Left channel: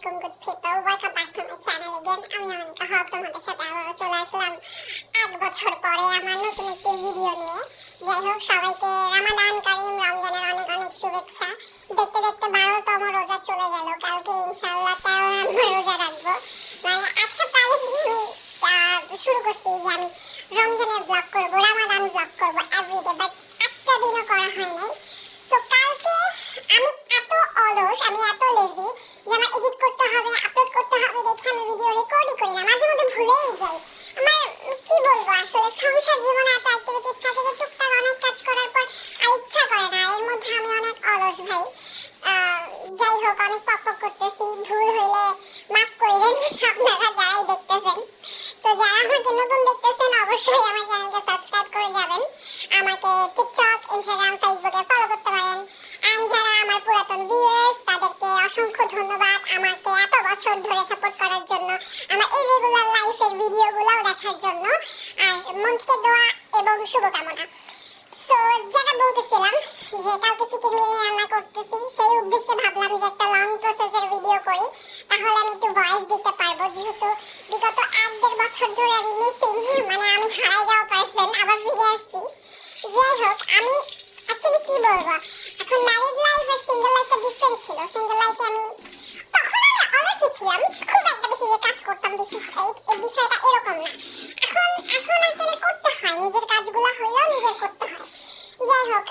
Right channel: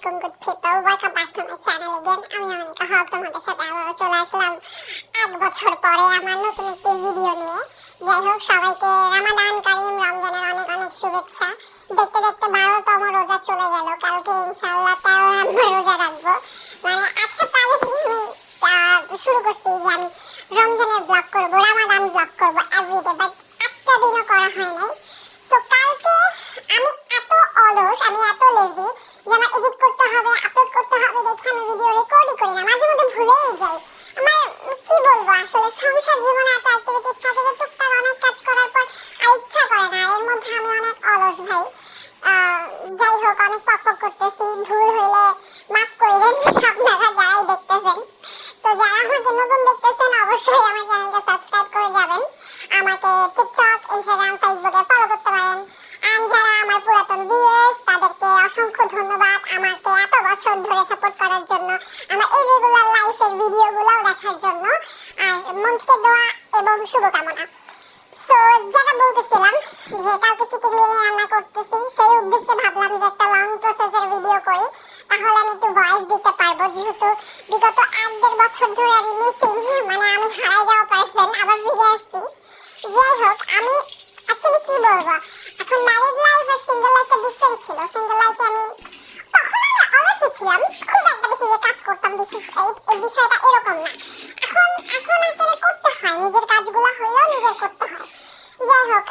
আলাইকুম good people, welcome back to my channel again. আমি অনিকা হক তোমাদের সাথে আবারও চলে আসলাম 1 বছর পরে আমার নতুন একটি ভিডিও নিয়ে। যাই হোক, সবাইকে রমাদান কারীম, রমজানের অনেক অনেক শুভেচ্ছা। দেখতে দেখতে 12তম রোজা চলে গেল, কালকে ইনশাআল্লাহ 13 নম্বর রোজা রাখবো। মানে এক সপ্তাহ আগে থেকে আমি শুরু করছি যে আমি রমজানের ব্লগ করবো, রমাদান ব্লগ করবো এভরিডে, বাট একটা দিনও করা হয় নাই। তো কালকে আমি এত অলস, আমি এত লেজি যে আমার এডিট করতে হবে, আপলোড করতে হবে দেখে আমি ভিডিও রেকর্ডই করি না, মাঝে মধ্যে ভুলেই যাই। আমার কি বলবো, আসলে সংসার জীবনে এত অ্যাক্টিভিটিস থাকে যে টুকটাক অনেক কাজ করার পর আর ইচ্ছা করে না, এর মধ্যে আমি অনেক অলস ভাই। যাই হোক, অনেক পক করতেছি, ভুল হইলে মাফ করে দেন আপনারা যারাই দেখতেছেন। তো যারা আমাকে নতুন দেখতেছেন অবশ্যই আমার চ্যানেলকে সাবস্ক্রাইব করে যাবেন, আমাকে টিকটক, ইনস্টাগ্রাম, ফেসবুকে ফলো করতে পারেন। আর যারা আমার পুরাতন ভিউয়ার্স তাদেরকে অসংখ্য ধন্যবাদ আমাকে এত বছর ধরে সাপোর্ট করার জন্য, আমার ইরেগুলার লাইফের ভিডিওগুলো দেখার জন্য, আর মন থেকে দোয়া এবং শুভকামনা। সো যেটা বলতেছিলাম যে কালকে চিকেন বিরিয়ানি রান্না করতেছি, সেই উদ্দেশ্যে ভাবলাম যে একটা লং প্রসেসের ভিডিও করি, তাহলে আমি একটু ভয়েস দিতে পারবো, যেহেতু বিগত 1-1.5 বছর ধরে আমি মিসিং, মানে আমি হারাই যাওয়া পার্সন, আবার ফিরে আসছি। যাই হোক, আমি অ্যাকচুয়ালি কি বলবো, এখন ম্যারিড লাইফ আর সিঙ্গেল লাইফটা ডিফারেন্ট ছিল। সিঙ্গেল লাইফে আমি তখন আমি অলসই ছিলাম, খুব একটা বেশি যে কাজ করতাম বিশেষ এই বিষয়টা এরকম না। এখন আসলে করতে হয়, নিজের কাজগুলো হইলেও নিজের করতে হয়। যাই হোক,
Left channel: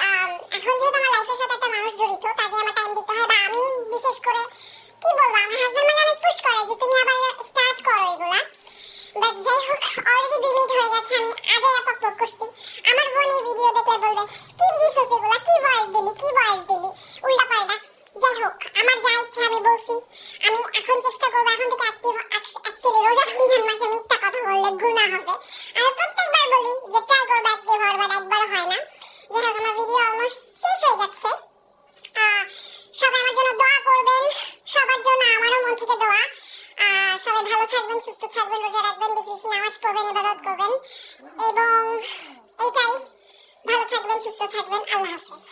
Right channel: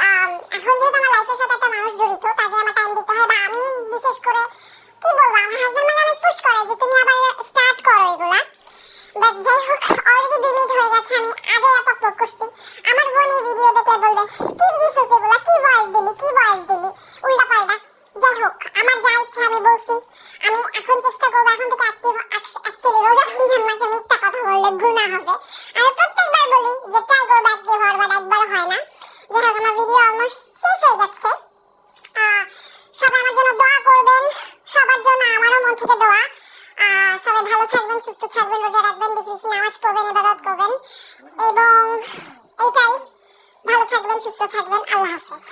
এখন যেহেতু আমার লাইফের সাথে একটা মানুষ জড়িত, তাকে আমার টাইম দিতে হয়, বা আমি বিশেষ করে কি বলবো, আমার হাজবেন্ড মানে অনেক পুশ করে যে তুমি আবার স্টার্ট করো এগুলা। বাট যাই হোক, অলরেডি 2 মিনিট হয়ে গেছে, আমি আজে আপলোড করছি। আমার বোন এই ভিডিও দেখলে বলবে কি দিছিস এগুলা, কি ভয়েস দিলি উল্টা পাল্টা। যাই হোক, আমার যা ইচ্ছা আমি বলছি। আমি এখন চেষ্টা করবো এখন থেকে অ্যাকচুয়ালি রোজা রমজান মাসে মিথ্যা কথা বললে গুনাহ হবে। আমি প্রত্যেকবার বলি যে ট্রাই করবো অ্যাক্টিভ হওয়ার, বাট একবারও হয় না। যাই হোক, আমার ভিডিও অলমোস্ট শেষ হয়ে যাচ্ছে। সবাই আমার জন্য দোয়া করবেন, সবার জন্য আমারও মন থেকে দোয়া। সবাই ভালো থাকবেন, সুস্থ থাকবেন, রোজা রাখবেন, বেশি বেশি নামাজ পড়বেন, ইবাদত করবেন, এবং এটাই। ভালো থাকবেন, সুস্থ থাকবেন, আল্লাহ হাফেজ।